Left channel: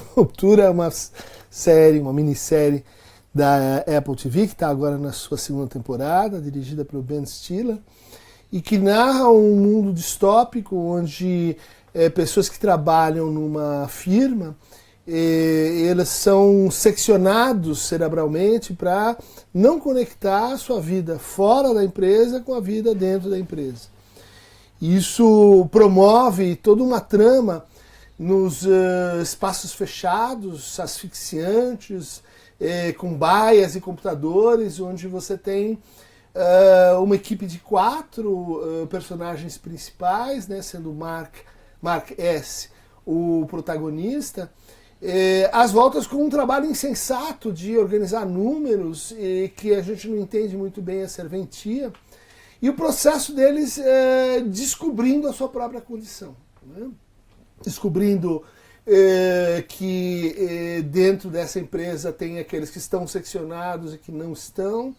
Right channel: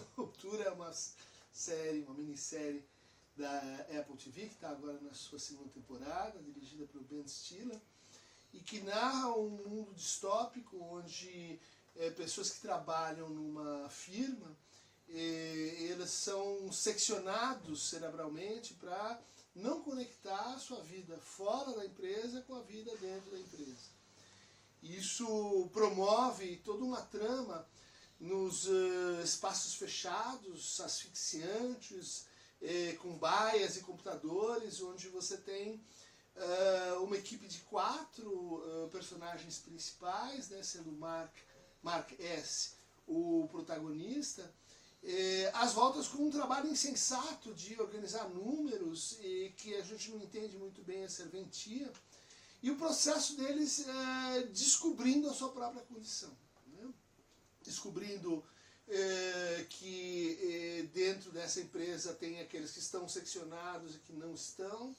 Ruptura é uma série, uma minissérie da Apple TV, que está agora na sua segunda temporada, dirigida pelo Ben Stiller, e que narra um mundo distópico onde pessoas que trabalham numa firma, eles são seccionados cerebralmente para não conectar a sua vida fora da empresa com a vida dentro da empresa. Isso promove toda uma trama nos espaços fechados, asfixiantes, com baias e computadores, onde você tem uma equipe de 4 personagens principais, né, sendo Mark S. o protagonista, às voltas com um trabalho insensato de organizar números que a gente não entende muito bem a serventia, e o processo deles descobrindo a sua própria condição, né? Descobrindo que dentro dessa empresa tem aqueles que estão seccionados e que não estão,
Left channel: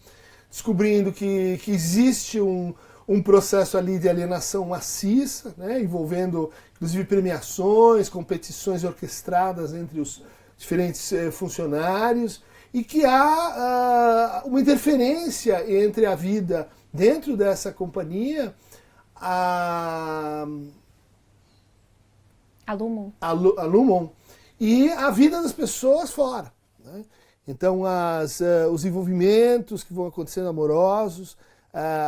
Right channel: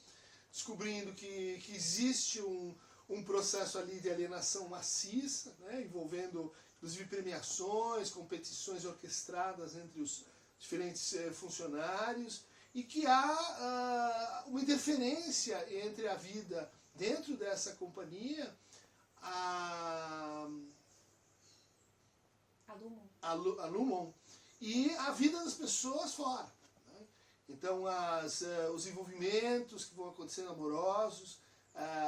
descobrindo que existe um processo ali de alienação maciça, né, envolvendo inclusive premiações, competições orquestradas entre os diferentes funcionários, e que há uma interferência entre a vida dentro dessa companhia, a Lumon, e a vida das pessoas fora, né? Então os envolvimentos que vão acontecendo amorosos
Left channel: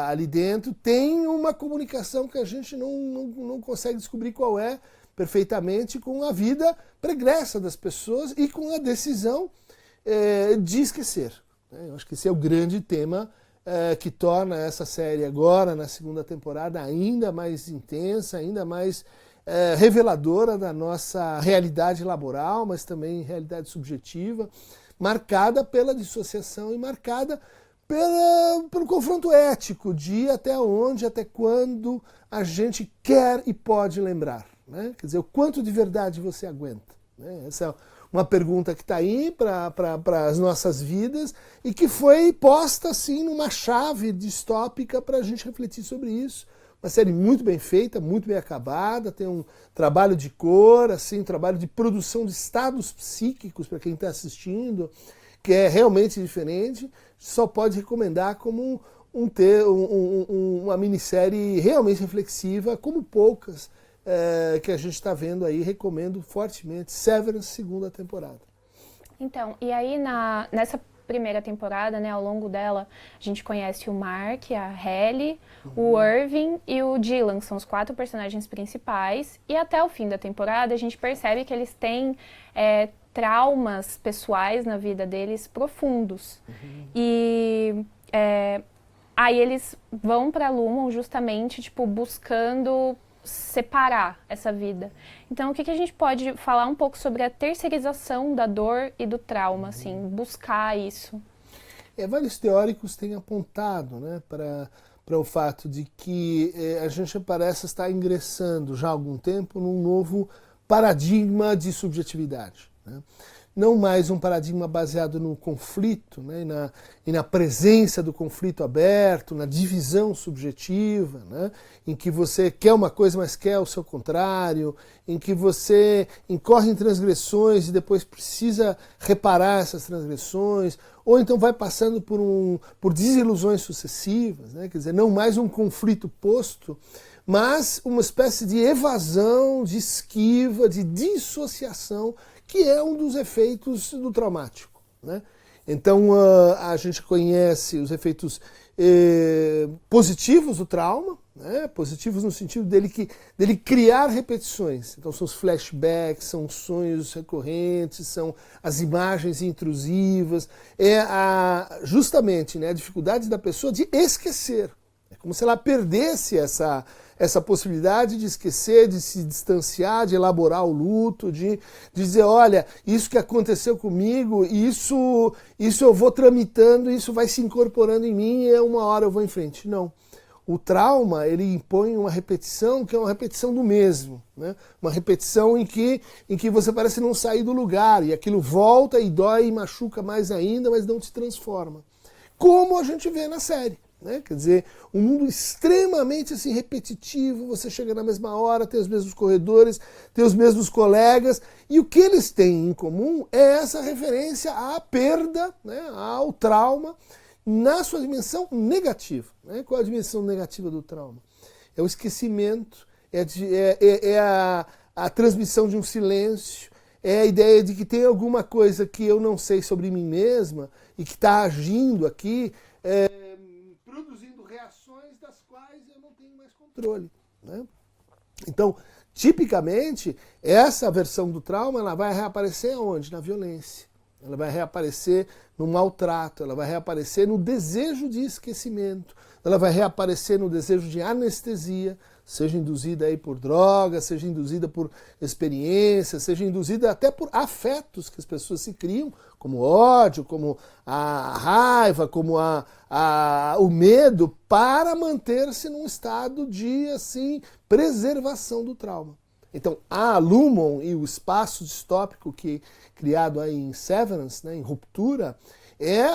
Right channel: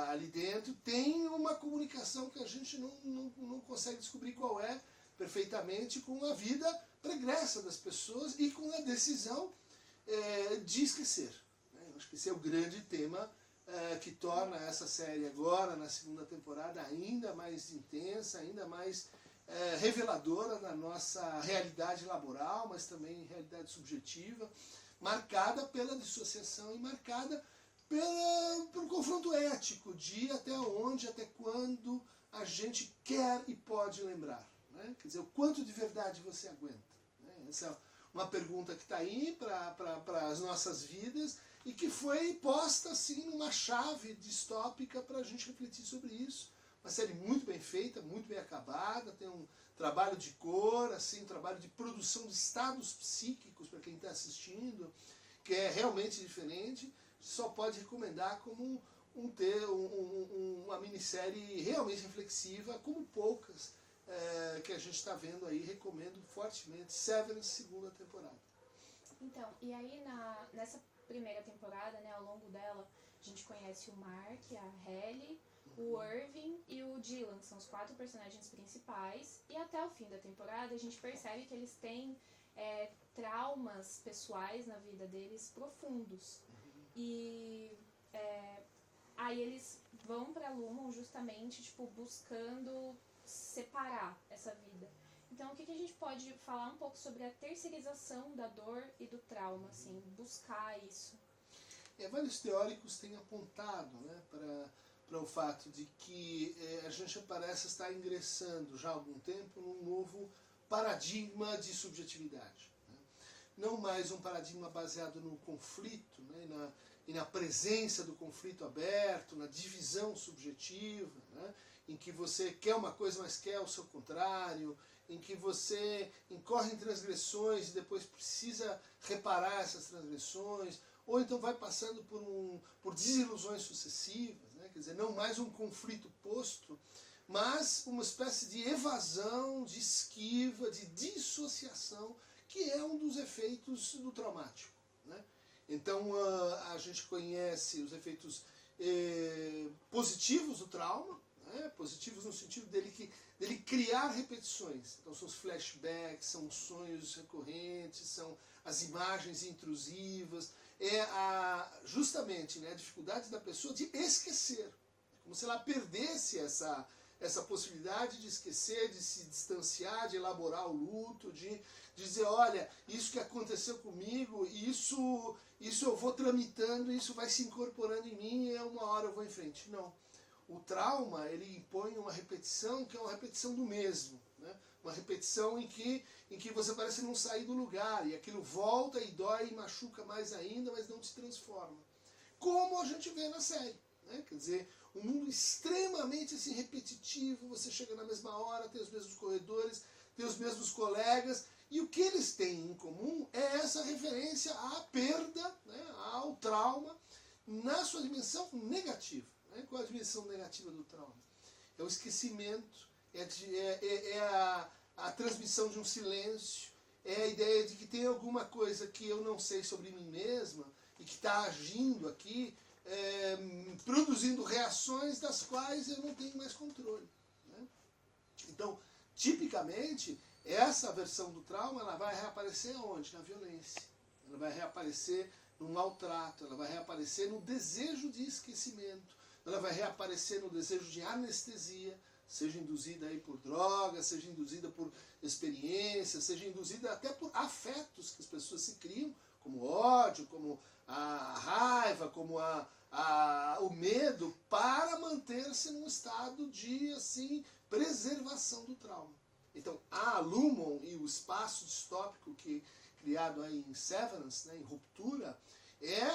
ali dentro tem uma comunicação que a gente não consegue descobrir qual é perfeitamente com a vida pregressa das pessoas e com a decisão de esquecer, né? Eu acho que esse é o grande tema que torna essa série agora, na segunda temporada, ainda mais intensa, ainda mais reveladora da nossa realidade laboral, mas também realidade subjetiva, marcada pela dissociação e marcada pelo confronto ético de até onde, até quando a gente quer e pode lembrar, né? Quer dizer, o quanto de verdade você aguenta, né? Essa é uma pergunta que está aí para as nossas vidas e que foi posta assim numa chave distópica para a gente refletir sobre isso. Uma série muito bem feita, muito bem acabada, tem um trabalho de cor, assim, um trabalho de produção de estados psíquicos para quem está assistindo, que é realmente diferente. Só pode recomendar como uma minissérie realmente reflexiva, como poucas que a gente está vendo aí. Recomendo fortemente Severance, segunda temporada. Então, e aí nessa primeira temporada, né, ao longo dela, a gente conhece o Mark, a Halle, o Irving e o Dylan, que são os 4 personagens principais, e até o fim da temporada a gente percebe que eles têm traumas pessoais na vida deles profundos. E aí eles vão pra Lumon justamente, tipo, buscando separar essa vida. Então, o que a gente pode falar um pouco sobre a terceirização da dor e do trauma, assim, buscar isso? Vários teóricos têm apontado, né, para o fato de que a gente parece estar ingressando já há algum tempo num novo paradigma de subjetividade, né? Não mais um paradigma baseado no conflito, né, e na presença do conflito aberto, na divisão subjetiva, né, em que você quer uma coisa, mas quer o seu contrário, em que você incorre em transgressões e depois precisa reparar essas transgressões, ou então vai passando por desilusões sucessivas, né, quer dizer, não mais um conflito posto, mas uma espécie de evasão, de esquiva, de dissociação, que é um dos efeitos do traumático, né? Então a gente conhece os efeitos positivos do trauma, né? Positivos no sentido dele criar repetições. Então são os flashbacks, são os sonhos recorrentes, são as imagens intrusivas, justamente, né, a dificuldade da pessoa de esquecer. É como se ela perdesse essa possibilidade de esquecer, de se distanciar, de elaborar o luto, de dizer, olha, isso que aconteceu comigo, isso eu vou tramitando, isso vai se incorporando em mim e uma hora eu vou em frente. Não. O trauma, ele impõe uma repetição que é uma repetição do mesmo, né? Uma repetição em que você parece não sair do lugar, e aquilo volta e dói e machuca mais ainda, mas não te transforma. Como a gente vê na série, né? Quer dizer, um mundo extremamente assim, repetitivo, você chega na mesma hora, tem os mesmos corredores, tem os mesmos colegas, E o que eles têm em comum é essa referência à perda, né, ao trauma, na sua dimensão negativa. Né? Qual é a dimensão negativa do trauma? É o esquecimento, a transmissão de um silêncio, é a ideia de que tem alguma coisa que eu não sei sobre mim mesma e que está agindo aqui, produzindo reações das quais eu não tenho mais controle. Né? Então, tipicamente, essa versão do trauma ela vai reaparecer onde? Na violência. Ela vai reaparecer no maltrato, ela vai reaparecer no desejo de esquecimento, ela vai reaparecer no desejo de anestesia, seja induzida aí por drogas, seja induzida por experiências, seja induzida até por afetos que as pessoas se criam, como ódio, como a raiva, como o medo, para manter-se num estado de assim preservação do trauma. Então, a Lumon e o espaço distópico que criado aí em Severance, né, em Ruptura, é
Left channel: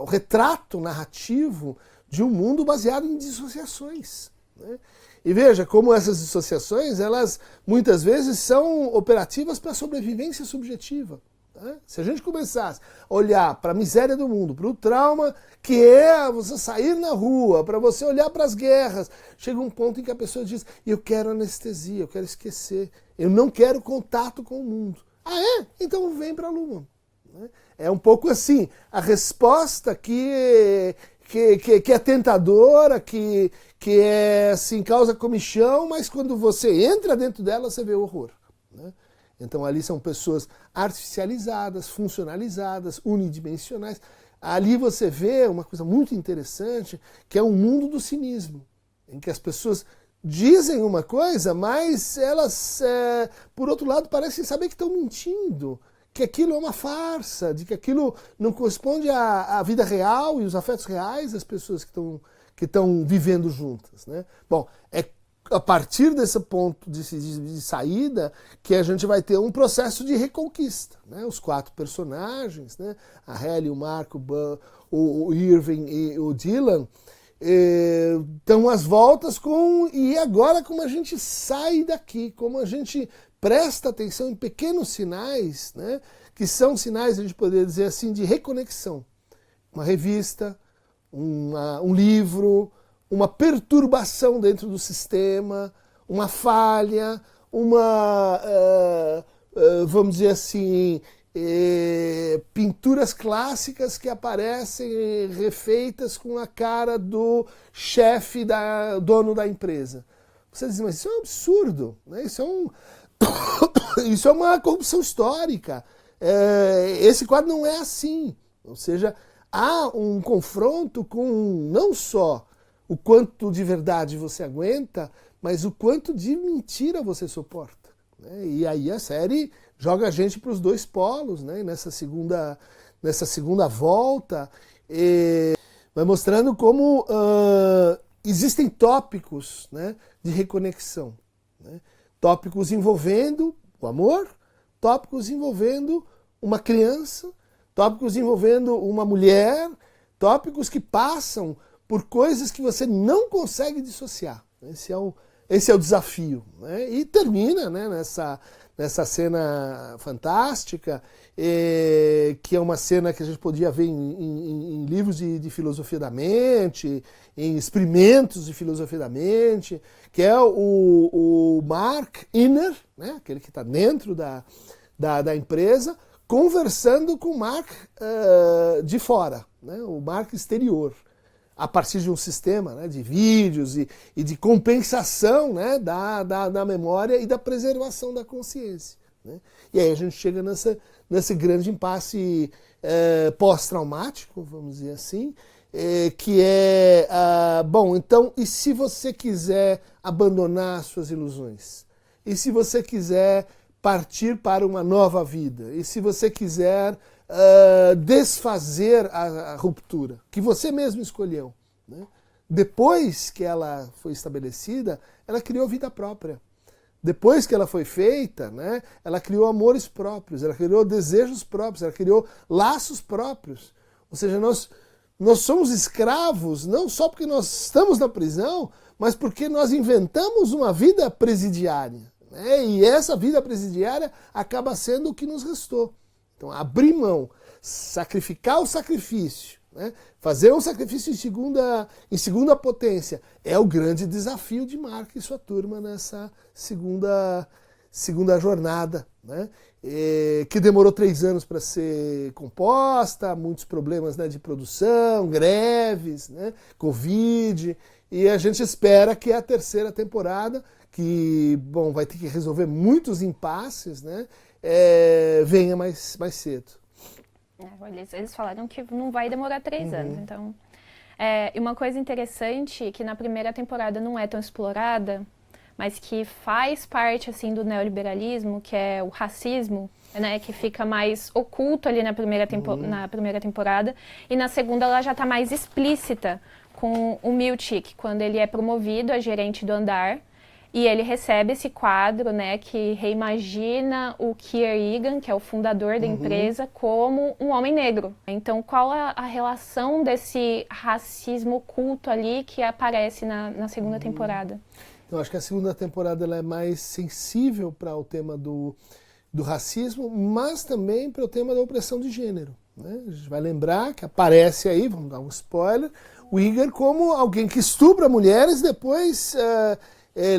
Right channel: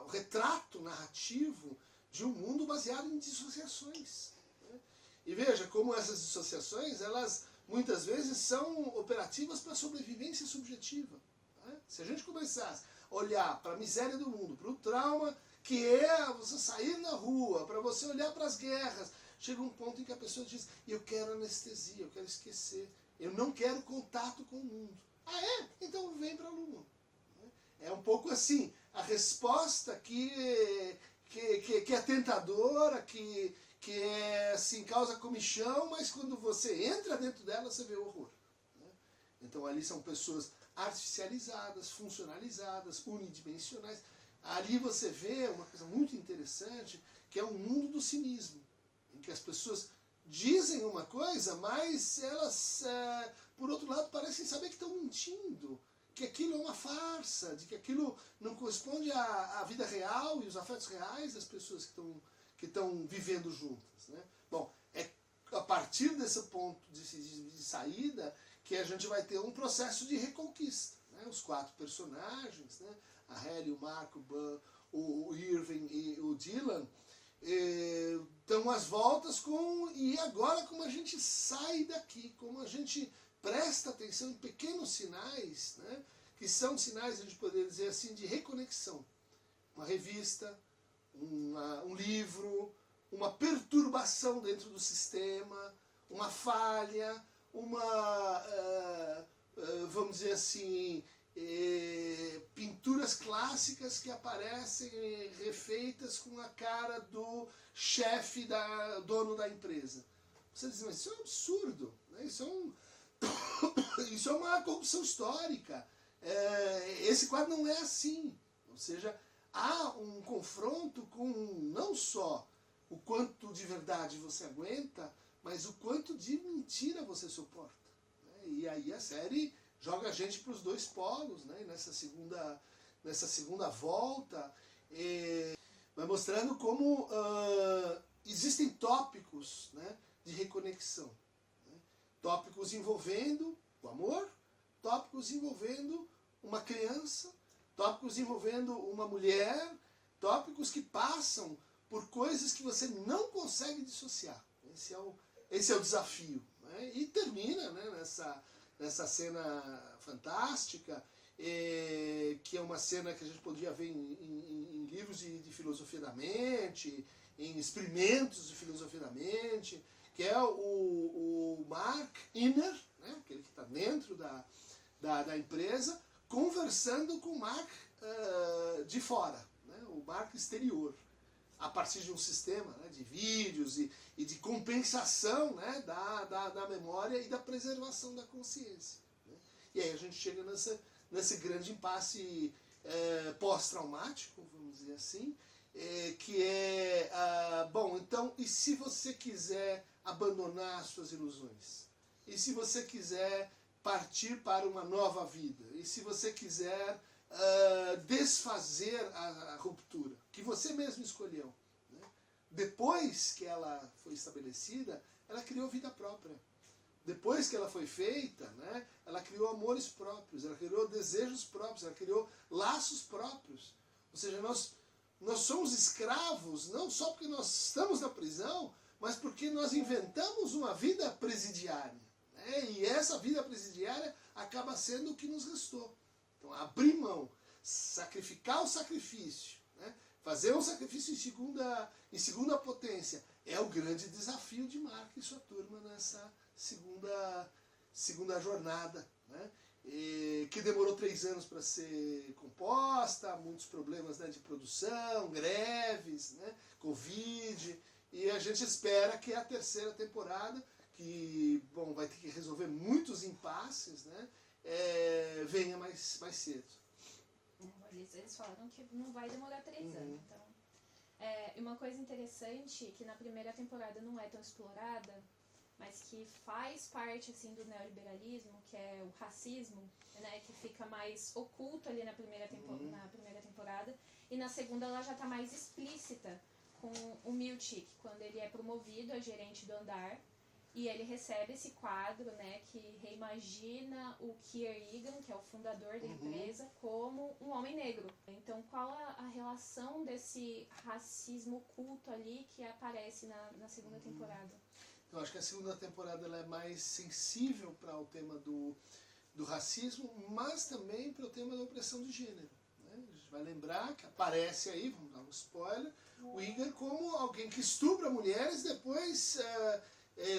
o retrato narrativo de um mundo baseado em dissociações. Né? E veja como essas dissociações, elas muitas vezes são operativas para a sobrevivência subjetiva. Né? Se a gente começasse a olhar para a miséria do mundo, para o trauma que é você sair na rua, para você olhar para as guerras, chega um ponto em que a pessoa diz, eu quero anestesia, eu quero esquecer, eu não quero contato com o mundo. Ah, é? Então vem para a Lumon. É um pouco assim, a resposta que é tentadora, que é assim, causa comichão, mas quando você entra dentro dela, você vê o horror. Né? Então ali são pessoas artificializadas, funcionalizadas, unidimensionais. Ali você vê uma coisa muito interessante, que é um mundo do cinismo, em que as pessoas dizem uma coisa, mas elas, por outro lado, parecem saber que estão mentindo, que aquilo é uma farsa, de que aquilo não corresponde à vida real e os afetos reais das pessoas que estão vivendo juntas. Né? Bom, é a partir desse ponto de saída que a gente vai ter um processo de reconquista. Né? Os 4 personagens, né? A Halle, o Mark, o Irving e o Dylan, estão às voltas e agora como a gente sai daqui, como a gente presta atenção em pequenos sinais, né, que são sinais, a gente poderia dizer assim, de reconexão. Uma revista, um livro, uma perturbação dentro do sistema, uma falha, vamos dizer assim, pinturas clássicas que aparecem refeitas com a cara do chefe, dono da empresa. Você diz, mas isso é um absurdo, né? Isso é uma corrupção histórica. Esse quadro não é assim. Ou seja, há um confronto com não só o quanto de verdade você aguenta, mas o quanto de mentira você suporta. Né? E aí a série joga a gente para os 2 polos, né? Nessa segunda volta, vai mostrando como existem tópicos, né, de reconexão. Né? Tópicos envolvendo o amor, tópicos envolvendo uma criança, tópicos envolvendo uma mulher, tópicos que passam por coisas que você não consegue dissociar. Esse é o desafio. Né? E termina, né, nessa cena fantástica, que é uma cena que a gente podia ver em livros de filosofia da mente, em experimentos de filosofia da mente, que é o Mark Inner, né, aquele que está dentro da empresa, conversando com o Mark de fora, né, o Mark exterior, a partir de um sistema, né, de vídeos e de compensação, né, da memória e da preservação da consciência. Né? E aí a gente chega nesse grande impasse pós-traumático, vamos dizer assim, que é, bom, então, e se você quiser abandonar suas ilusões? E se você quiser partir para uma nova vida? E se você quiser desfazer a ruptura, que você mesmo escolheu? Né? Depois que ela foi estabelecida, ela criou vida própria. Depois que ela foi feita, né, ela criou amores próprios, ela criou desejos próprios, ela criou laços próprios. Ou seja, nós somos escravos não só porque nós estamos na prisão, mas porque nós inventamos uma vida presidiária. né? E essa vida presidiária acaba sendo o que nos restou. Então, abrir mão, sacrificar o sacrifício, né? Fazer um sacrifício em segunda potência é o grande desafio de Mark e sua turma nessa segunda jornada, né? Que demorou 3 anos para ser composta, muitos problemas, né, de produção, greves, né, Covid, e a gente espera que a terceira temporada, que bom, vai ter que resolver muitos impasses, né, venha mais cedo. Eles falaram que não vai demorar 3 anos, então... e uma coisa interessante, que na primeira temporada não é tão explorada, mas que faz parte, assim, do neoliberalismo, que é o racismo, né, que fica mais oculto ali na primeira temporada, e na segunda ela já está mais explícita, com o Milchick, quando ele é promovido a gerente do andar, e ele recebe esse quadro, né, que reimagina o Kier Egan, que é o fundador da empresa, como um homem negro. Então, qual a relação desse racismo oculto ali que aparece na segunda temporada? Eu acho que a segunda temporada ela é mais sensível para o tema do racismo, mas também para o tema da opressão de gênero, né? A gente vai lembrar que aparece aí, vamos dar um spoiler, o Egan como alguém que estupra mulheres, depois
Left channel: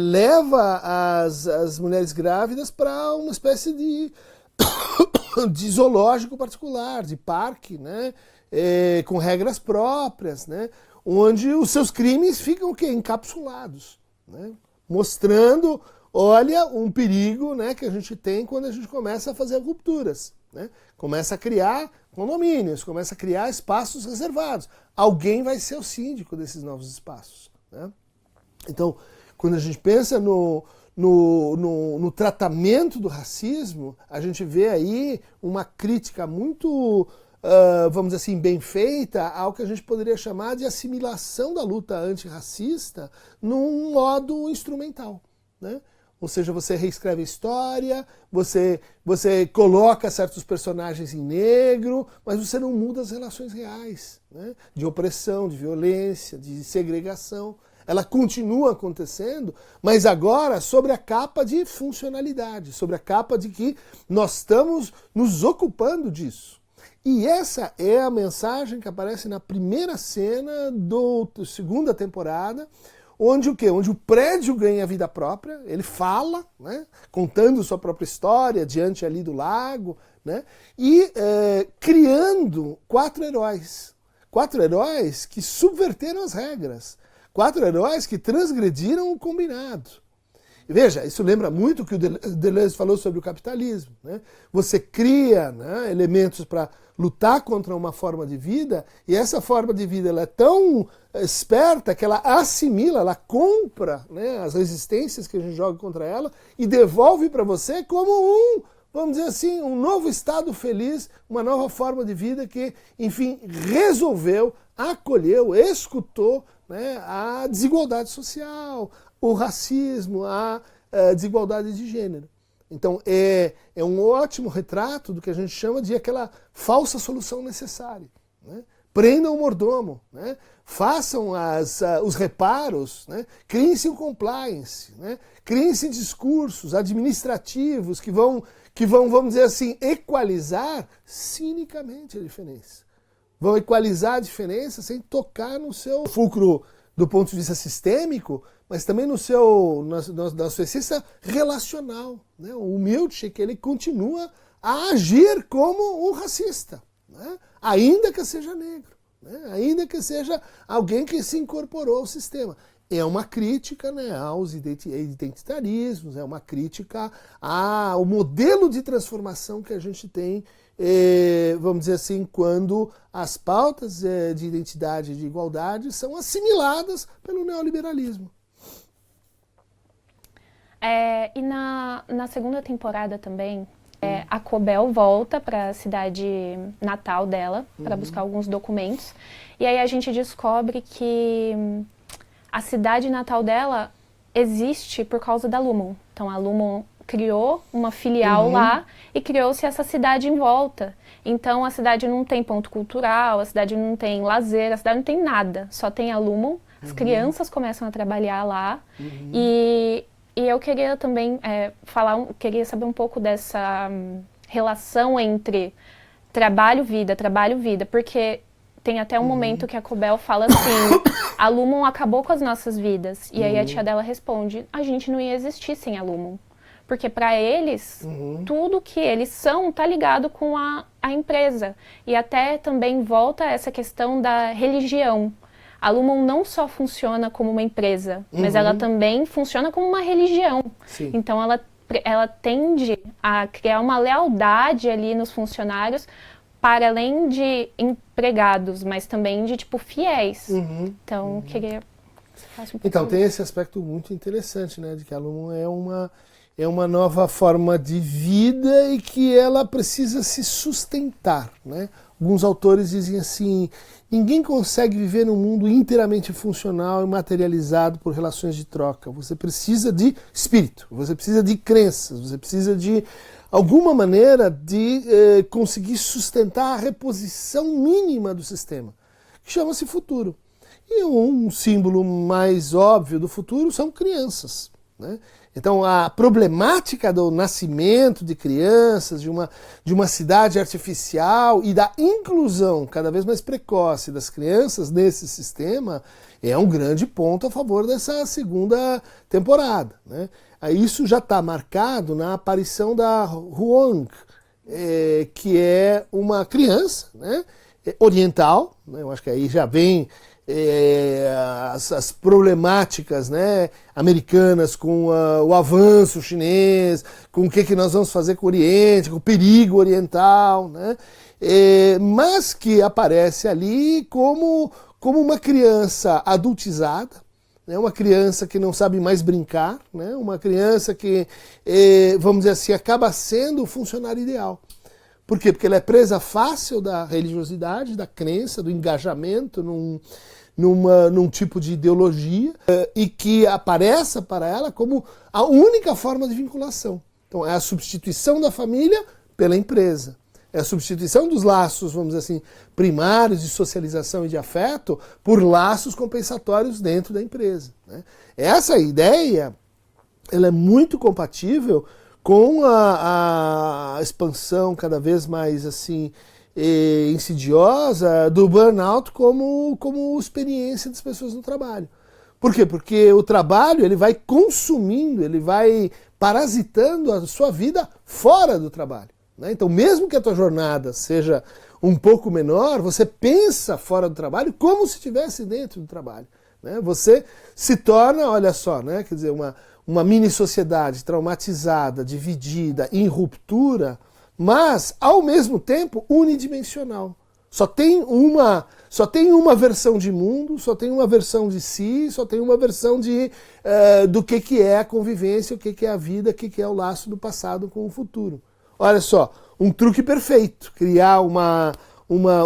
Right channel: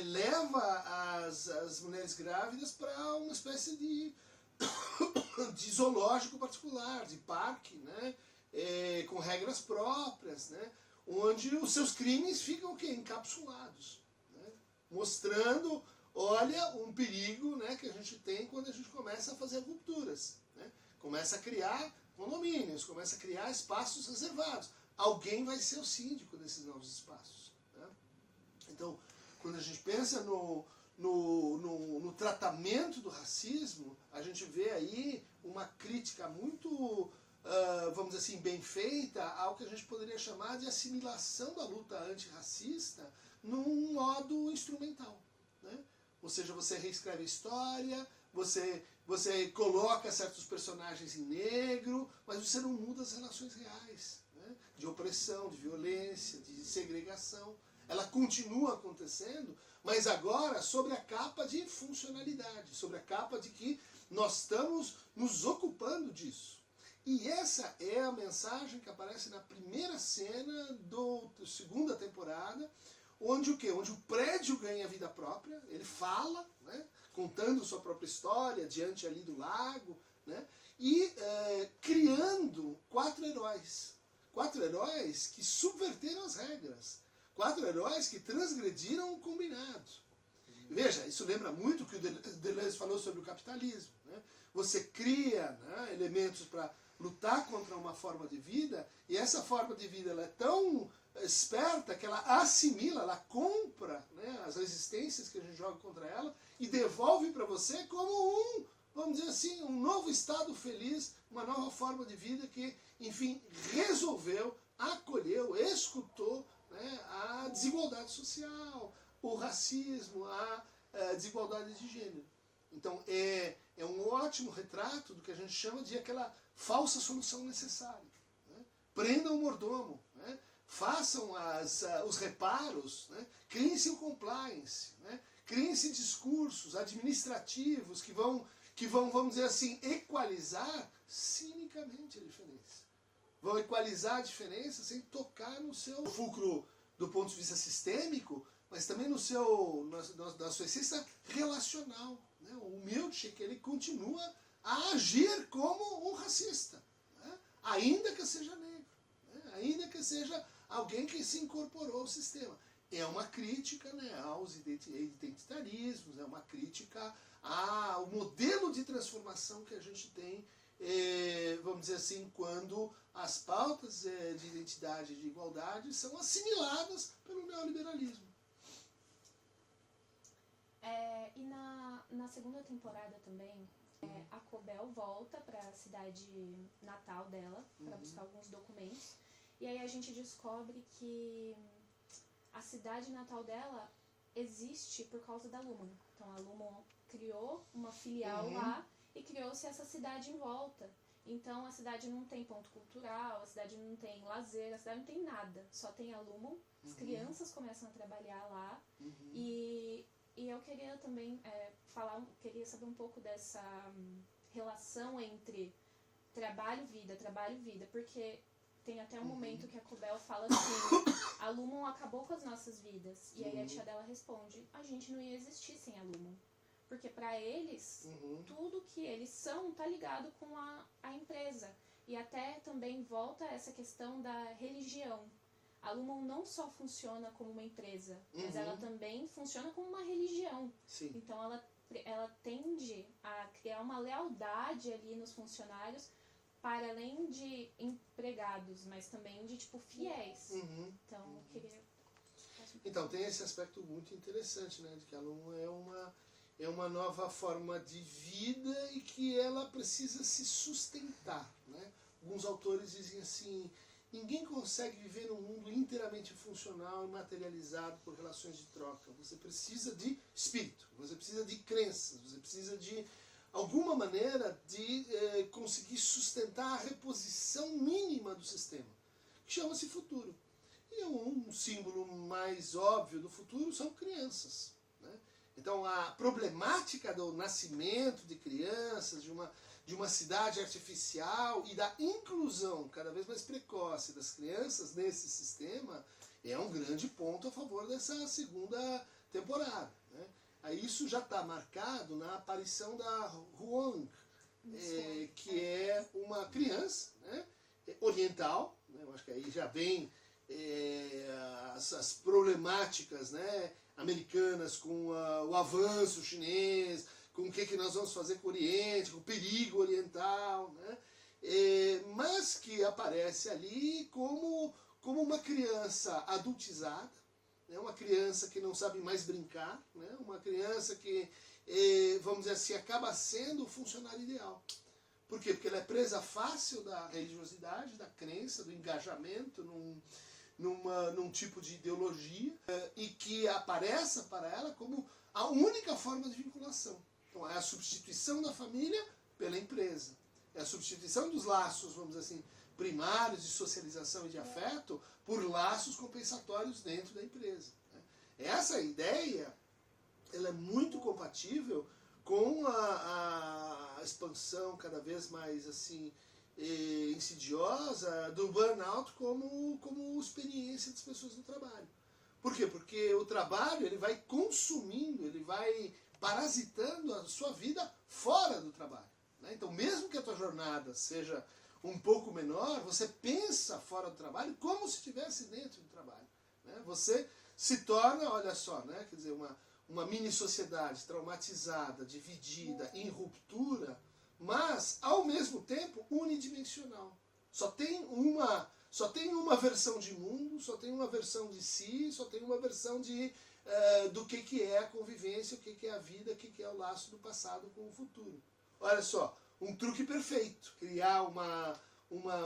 leva as mulheres grávidas para uma espécie de zoológico particular, de parque, né? Com regras próprias, né? Onde os seus crimes ficam o quê? Encapsulados, né? Mostrando, olha, um perigo, né, que a gente tem quando a gente começa a fazer rupturas, né? Começa a criar condomínios, começa a criar espaços reservados. Alguém vai ser o síndico desses novos espaços, né? Então, quando a gente pensa no tratamento do racismo, a gente vê aí uma crítica muito, vamos dizer assim, bem feita ao que a gente poderia chamar de assimilação da luta antirracista num modo instrumental, né? Ou seja, você reescreve a história, você coloca certos personagens em negro, mas você não muda as relações reais, né? De opressão, de violência, de segregação. Ela continua acontecendo, mas agora sobre a capa de funcionalidade, sobre a capa de que nós estamos nos ocupando disso. E essa é a mensagem que aparece na primeira cena da segunda temporada, onde o quê? Onde o prédio ganha vida própria, ele fala, né, contando sua própria história diante ali do lago, né, e criando 4 heróis. 4 heróis que subverteram as regras. 4 heróis que transgrediram o combinado. E veja, isso lembra muito o que o Deleuze falou sobre o capitalismo, né? Você cria, né, elementos para lutar contra uma forma de vida, e essa forma de vida ela é tão esperta que ela assimila, ela compra, né, as resistências que a gente joga contra ela e devolve para você como vamos dizer assim, um novo estado feliz, uma nova forma de vida que, enfim, resolveu, acolheu, escutou, né, a desigualdade social, o racismo, a desigualdade de gênero. Então é um ótimo retrato do que a gente chama de aquela falsa solução necessária, né? Prendam o mordomo, né? Façam os reparos, né? Criem-se um compliance, né? Criem-se discursos administrativos que vão, vamos dizer assim, equalizar cinicamente a diferença. Vão equalizar a diferença sem tocar no seu fulcro do ponto de vista sistêmico, mas também na sua essência relacional, né? O Milchick, ele continua a agir como um racista, né? Ainda que seja negro, né? Ainda que seja alguém que se incorporou ao sistema. É uma crítica, né, aos identitarismos, é uma crítica ao modelo de transformação que a gente tem, vamos dizer assim, quando as pautas de identidade e de igualdade são assimiladas pelo neoliberalismo. E na segunda temporada também, a Cobel volta para a cidade natal dela para buscar alguns documentos. E aí a gente descobre que a cidade natal dela existe por causa da Lumon. Então a Lumon criou uma filial lá e criou-se essa cidade em volta. Então a cidade não tem ponto cultural, a cidade não tem lazer, a cidade não tem nada. Só tem a Lumon, as crianças começam a trabalhar lá e E eu queria também queria saber um pouco dessa relação entre trabalho, vida, porque tem até um momento que a Cobel fala assim, a Lumon acabou com as nossas vidas. E aí a tia dela responde, a gente não ia existir sem a Lumon. Porque para eles, tudo que eles são tá ligado com a empresa. E até também volta essa questão da religião. A Lumon não só funciona como uma empresa, mas ela também funciona como uma religião. Sim. Então ela tende a criar uma lealdade ali nos funcionários, para além de empregados, mas também de, tipo, fiéis. Então, queria que você falasse um pouco. Então, tem esse aspecto muito interessante, né? De que a Lumon é uma nova forma de vida e que ela precisa se sustentar, né? Alguns autores dizem assim, ninguém consegue viver num mundo inteiramente funcional e materializado por relações de troca. Você precisa de espírito, você precisa de crenças, você precisa de alguma maneira de conseguir sustentar a reposição mínima do sistema, que chama-se futuro. E um símbolo mais óbvio do futuro são crianças, né? Então a problemática do nascimento de crianças, de uma cidade artificial e da inclusão cada vez mais precoce das crianças nesse sistema é um grande ponto a favor dessa segunda temporada, né? Isso já está marcado na aparição da Huang, que é uma criança, né, oriental, né? Eu acho que aí já vem as problemáticas, né, americanas com o avanço chinês, com o que nós vamos fazer com o Oriente, com o perigo oriental, né? Mas que aparece ali como uma criança adultizada, né, uma criança que não sabe mais brincar, né, uma criança que, vamos dizer assim, acaba sendo o funcionário ideal. Por quê? Porque ela é presa fácil da religiosidade, da crença, do engajamento num tipo de ideologia e que apareça para ela como a única forma de vinculação. Então é a substituição da família pela empresa. É a substituição dos laços, vamos dizer assim, primários de socialização e de afeto por laços compensatórios dentro da empresa, né? Essa ideia ela é muito compatível com a expansão cada vez mais assim insidiosa do burnout como experiência das pessoas no trabalho. Por quê? Porque o trabalho ele vai consumindo, ele vai parasitando a sua vida fora do trabalho, né? Então, mesmo que a tua jornada seja um pouco menor, você pensa fora do trabalho como se estivesse dentro do trabalho, né? Você se torna, olha só, né? Quer dizer, uma mini sociedade traumatizada, dividida, em ruptura, mas, ao mesmo tempo, unidimensional. Só tem uma versão de mundo, só tem uma versão de si, só tem uma versão do que é a convivência, o que é a vida, o que é o laço do passado com o futuro. Olha só, um truque perfeito, criar uma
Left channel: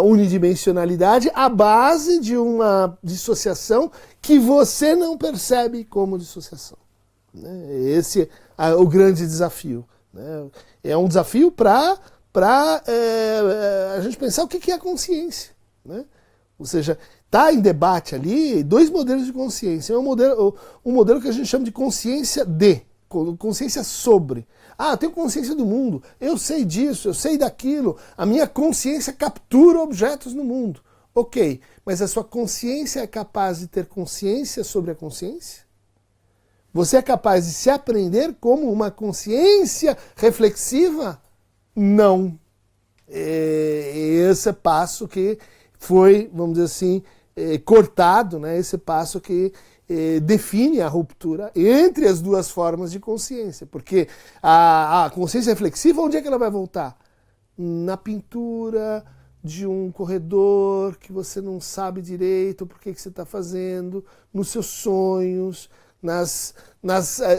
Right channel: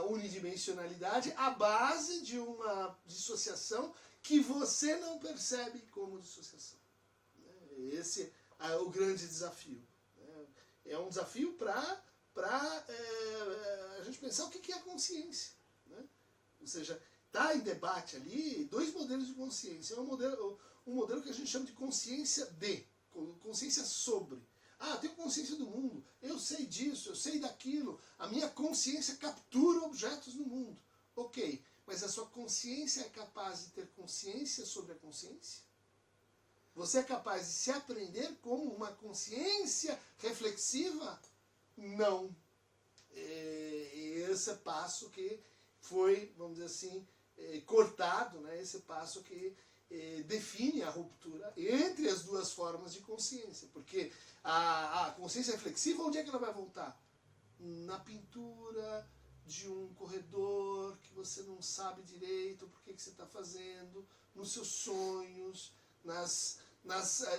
unidimensionalidade à base de uma dissociação que você não percebe como dissociação, né? Esse é o grande desafio, né? É um desafio para a gente pensar o que é a consciência, né? Ou seja, está em debate ali dois modelos de consciência. Um modelo que a gente chama de consciência consciência sobre. Ah, eu tenho consciência do mundo, eu sei disso, eu sei daquilo, a minha consciência captura objetos no mundo. Ok, mas a sua consciência é capaz de ter consciência sobre a consciência? Você é capaz de se aprender como uma consciência reflexiva? Não. Esse passo que foi, vamos dizer assim, cortado, né? Esse passo que define a ruptura entre as duas formas de consciência. Porque a consciência reflexiva, onde é que ela vai voltar? Na pintura de um corredor que você não sabe direito por que você está fazendo, nos seus sonhos, nas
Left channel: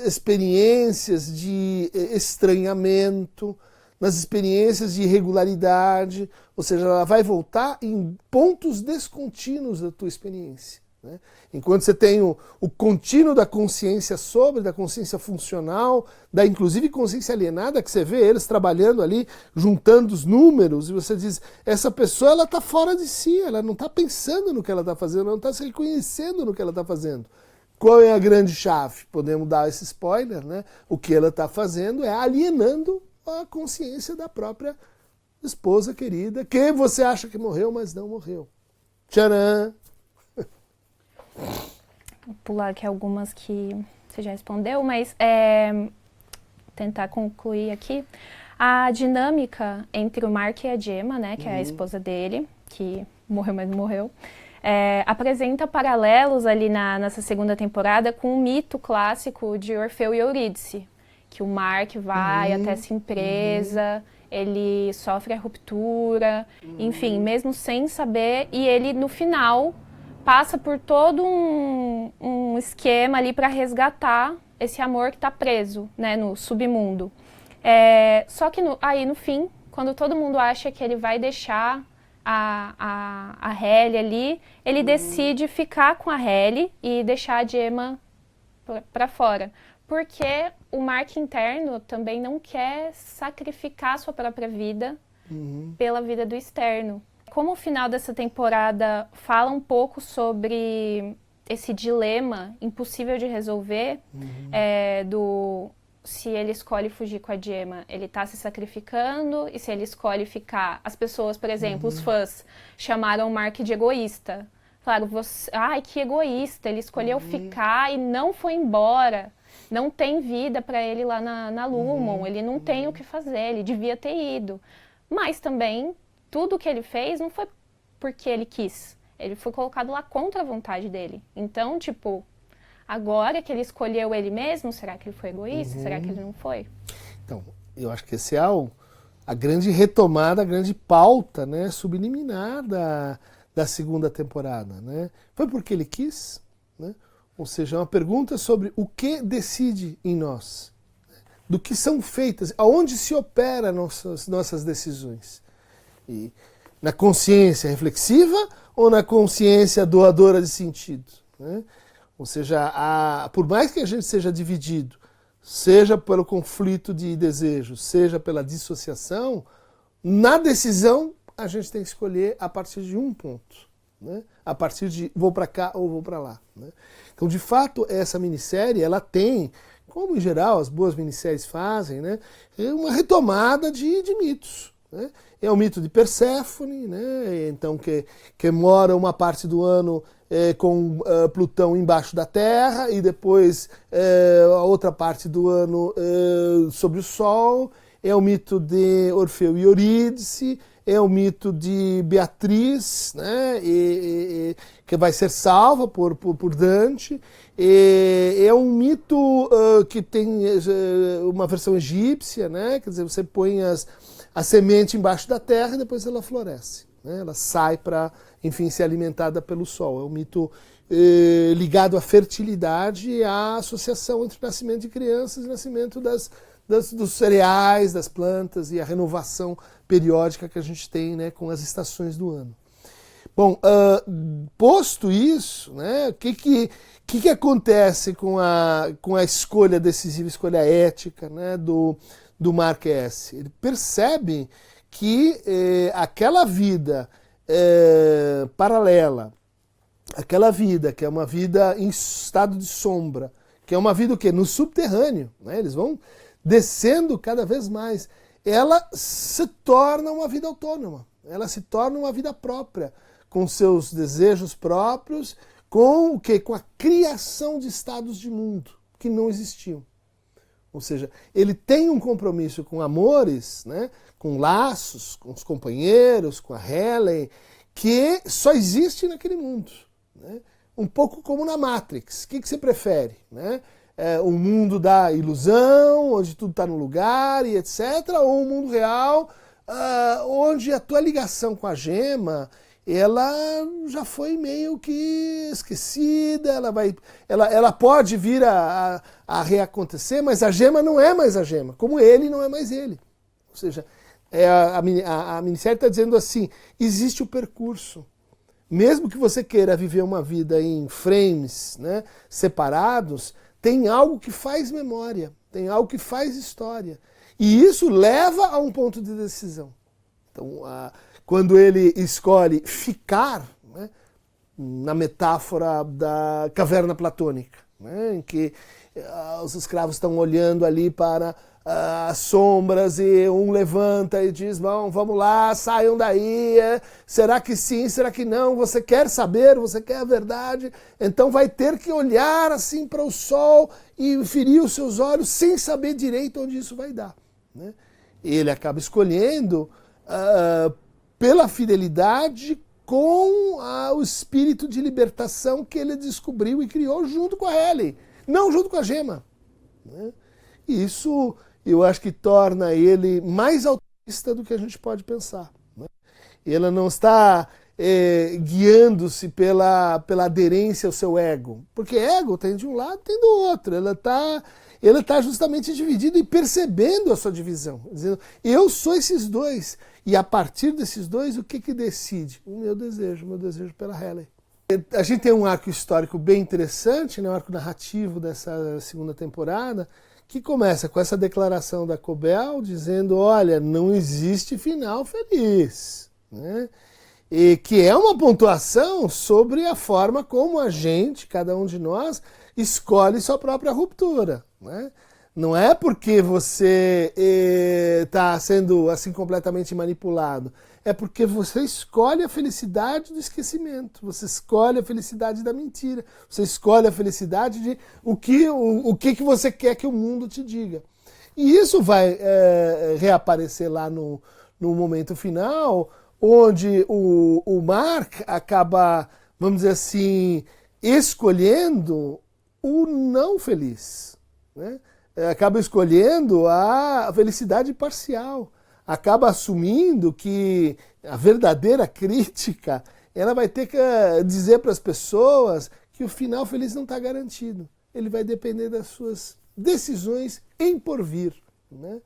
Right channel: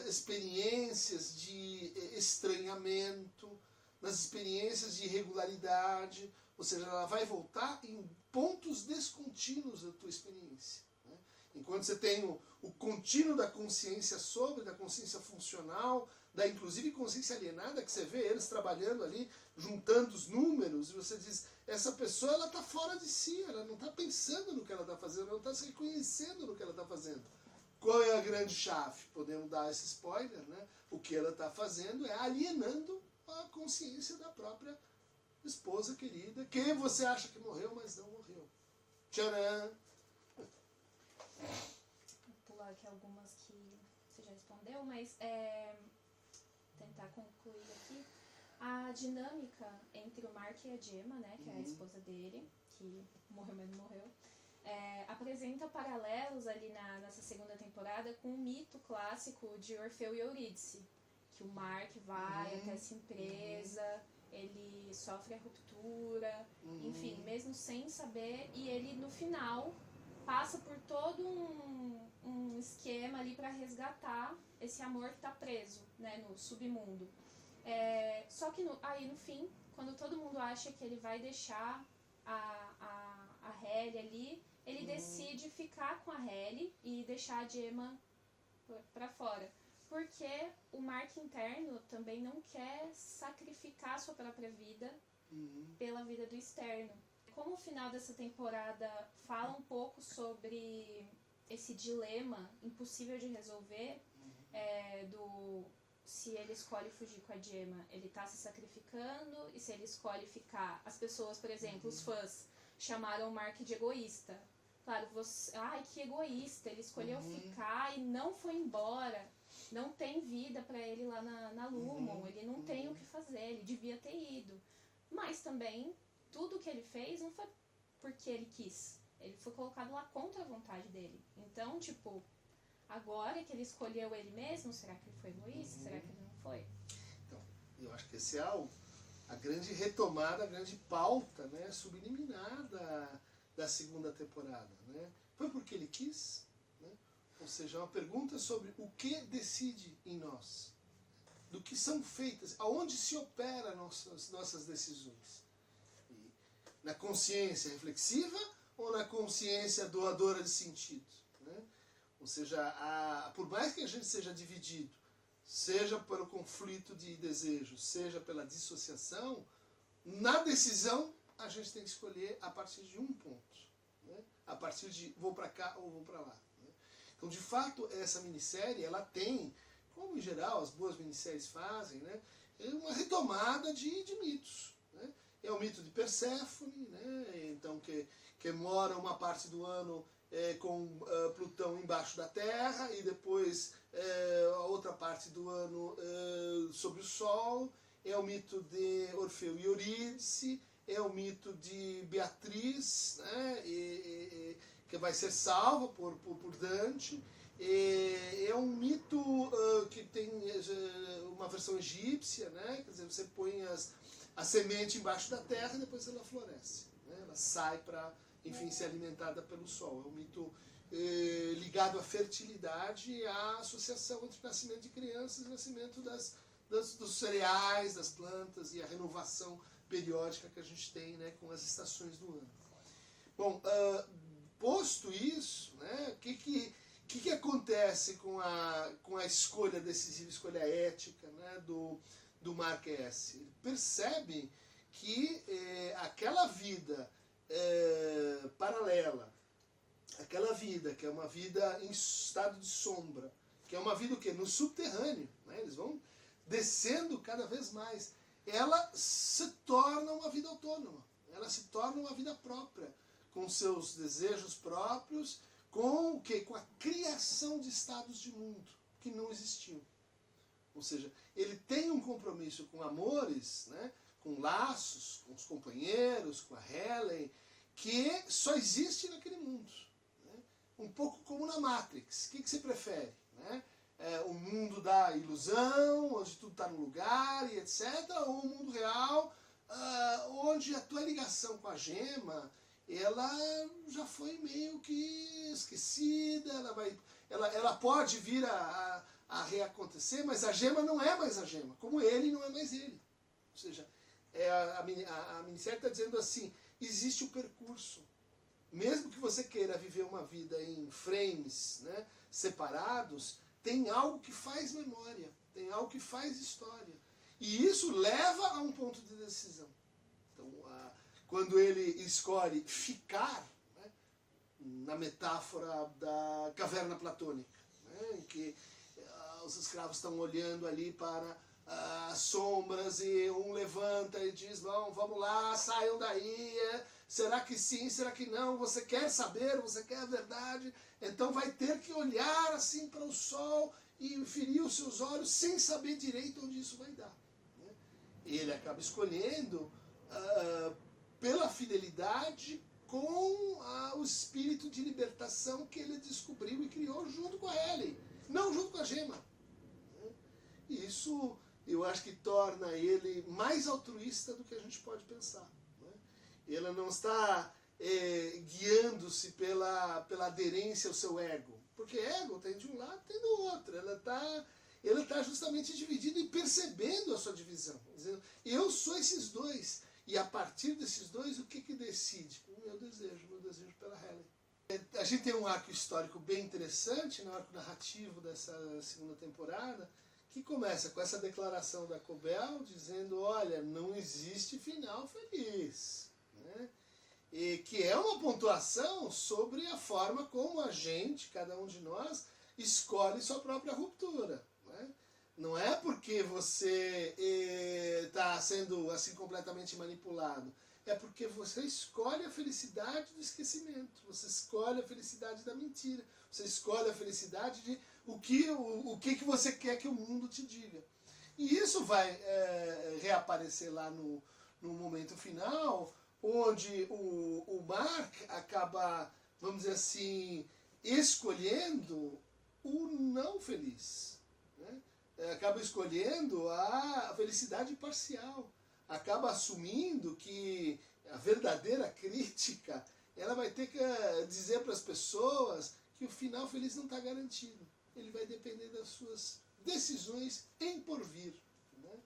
experiências de estranhamento, nas experiências de irregularidade, ou seja, ela vai voltar em pontos descontínuos da tua experiência, né? Enquanto você tem o contínuo da consciência sobre, da consciência funcional, da inclusive consciência alienada, que você vê eles trabalhando ali, juntando os números, e você diz, essa pessoa ela está fora de si, ela não está pensando no que ela está fazendo, ela não está se reconhecendo no que ela está fazendo. Qual é a grande chave? Podemos dar esse spoiler, né? O que ela está fazendo é alienando a consciência da própria esposa querida, que você acha que morreu, mas não morreu. Tcharam! Vou pular aqui algumas que você já respondeu, mas tentar concluir aqui. A dinâmica entre o Mark e a Gemma, né, que é a esposa dele, que morreu, mas não morreu, apresenta paralelos ali nessa segunda temporada com o mito clássico de Orfeu e Eurídice, que o Mark vai até essa empresa, ele sofre a ruptura, enfim, mesmo sem saber, e ele no final passa por todo um esquema ali para resgatar esse amor que está preso, né, no submundo. Só que aí no fim, quando todo mundo acha que ele vai deixar a Halle ali, ele decide ficar com a Halle e deixar a Gemma para fora. Porque o Mark interno também não quer sacrificar sua própria vida pela vida do externo. Como o final dessa temporada fala um pouco sobre esse dilema impossível de resolver, se ele escolhe fugir com a Gemma, ele está se sacrificando, e se ele escolhe ficar... As pessoas, por exemplo, os fãs, chamaram o Mark de egoísta. Falaram, ai, que egoísta, ele escolheu ficar e não foi embora. Não tem vida para ele lá na Lumon, ele não tem o que fazer, ele devia ter ido. Mas também, tudo que ele fez não foi porque ele quis. Ele foi colocado lá contra a vontade dele. Então, tipo... Agora que ele escolheu ele mesmo, será que ele foi egoísta? Será que ele não foi? Então, eu acho que esse é a grande retomada, a grande pauta, né, subliminar da segunda temporada. Né? Foi porque ele quis? Né? Ou seja, uma pergunta sobre o que decide em nós. Do que são feitas, aonde se opera nossas decisões. E na consciência reflexiva ou na consciência doadora de sentido? Né? Ou seja, por mais que a gente seja dividido, seja pelo conflito de desejos, seja pela dissociação, na decisão a gente tem que escolher a partir de um ponto. Né? A partir de vou para cá ou vou para lá. Né? Então, de fato, essa minissérie ela tem, como em geral as boas minisséries fazem, né, uma retomada de mitos. Né? É o mito de Perséfone, né? Então, que mora uma parte do ano com Plutão embaixo da Terra e depois a outra parte do ano sobre o Sol. É o mito de Orfeu e Eurídice, é o mito de Beatriz, né? Que vai ser salva por Dante. É um mito que tem uma versão egípcia, né? Quer dizer, você põe a semente embaixo da terra e depois ela floresce. Né? Ela sai para, enfim, ser alimentada pelo sol. É um mito ligado à fertilidade e à associação entre o nascimento de crianças e o nascimento dos cereais, das plantas e a renovação periódica que a gente tem, né, com as estações do ano. Bom, posto isso, né, o que acontece com a escolha decisiva, escolha ética, né, do Mark S? Ele percebe que aquela vida paralela, aquela vida que é uma vida em estado de sombra, que é uma vida o quê? No subterrâneo, né? Eles vão descendo cada vez mais. Ela se torna uma vida autônoma, ela se torna uma vida própria, com seus desejos próprios, com o quê? Com a criação de estados de mundo que não existiam. Ou seja, ele tem um compromisso com amores, né? Com laços, com os companheiros, com a Helen, que só existe naquele mundo. Né? Um pouco como na Matrix. O que você prefere? Né? Um mundo da ilusão, onde tudo está no lugar e etc., ou um mundo real, onde a tua ligação com a Gemma, ela já foi meio que esquecida, ela pode vir a reacontecer, mas a Gemma não é mais a Gemma, como ele não é mais ele. Ou seja, a minissérie está dizendo assim, existe o percurso. Mesmo que você queira viver uma vida em frames, né, separados, tem algo que faz memória, tem algo que faz história. E isso leva a um ponto de decisão. Então, quando ele escolhe ficar, né, na metáfora da caverna platônica, né? Em que os escravos estão olhando ali para as sombras e um levanta e diz, bom, vamos lá, saiam daí, será que sim, será que não, você quer saber, você quer a verdade, então vai ter que olhar assim para o sol e ferir os seus olhos sem saber direito onde isso vai dar, né? Ele acaba escolhendo pela fidelidade com o espírito de libertação que ele descobriu e criou junto com a Ellie, não junto com a Gemma, né? E isso eu acho que torna ele mais altruísta do que a gente pode pensar, né? Ele não está guiando-se pela aderência ao seu ego, porque ego tem de um lado tem do outro, ele está justamente dividido e percebendo a sua divisão, dizendo, eu sou esses dois, e a partir desses dois, o que decide? O meu desejo pela Helen. A gente tem um arco histórico bem interessante, né, um arco narrativo dessa segunda temporada, que começa com essa declaração da Cobell, dizendo, olha, não existe final feliz, né? E que é uma pontuação sobre a forma como a gente, cada um de nós, escolhe sua própria ruptura, né? Não é porque você está sendo assim completamente manipulado, é porque você escolhe a felicidade do esquecimento, você escolhe a felicidade da mentira, você escolhe a felicidade de o que você quer que o mundo te diga. E isso vai reaparecer lá no momento final, onde o Mark acaba, vamos dizer assim, escolhendo o não feliz, né? Acaba escolhendo a felicidade parcial, acaba assumindo que a verdadeira crítica ela vai ter que dizer para as pessoas que o final feliz não está garantido. Ele vai depender das suas decisões em porvir, né?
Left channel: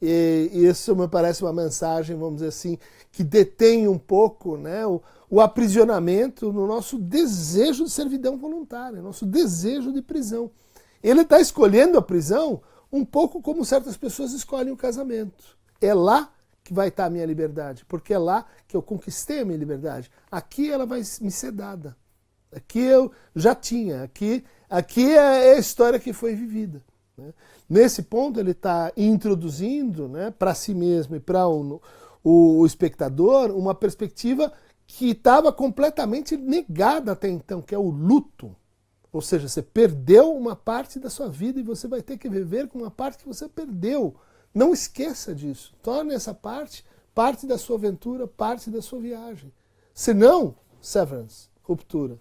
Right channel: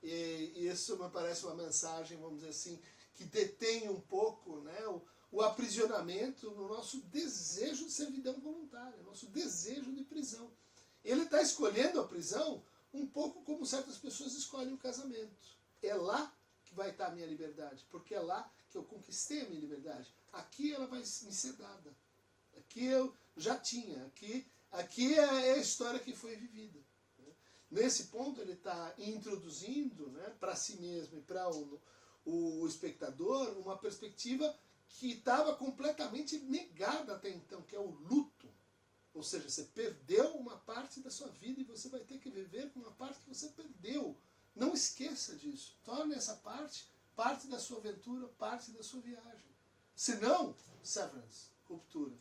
E isso me parece uma mensagem, vamos dizer assim, que detém um pouco, né, o aprisionamento no nosso desejo de servidão voluntária, nosso desejo de prisão. Ele está escolhendo a prisão um pouco como certas pessoas escolhem o casamento. É lá que vai estar a minha liberdade, porque é lá que eu conquistei a minha liberdade. Aqui ela vai me ser dada. Aqui eu já tinha. Aqui é a história que foi vivida, né? Nesse ponto ele está introduzindo, né, para si mesmo e para o espectador uma perspectiva que estava completamente negada até então, que é o luto. Ou seja, você perdeu uma parte da sua vida e você vai ter que viver com uma parte que você perdeu. Não esqueça disso. Torne essa parte da sua aventura, parte da sua viagem. Senão, severance, ruptura.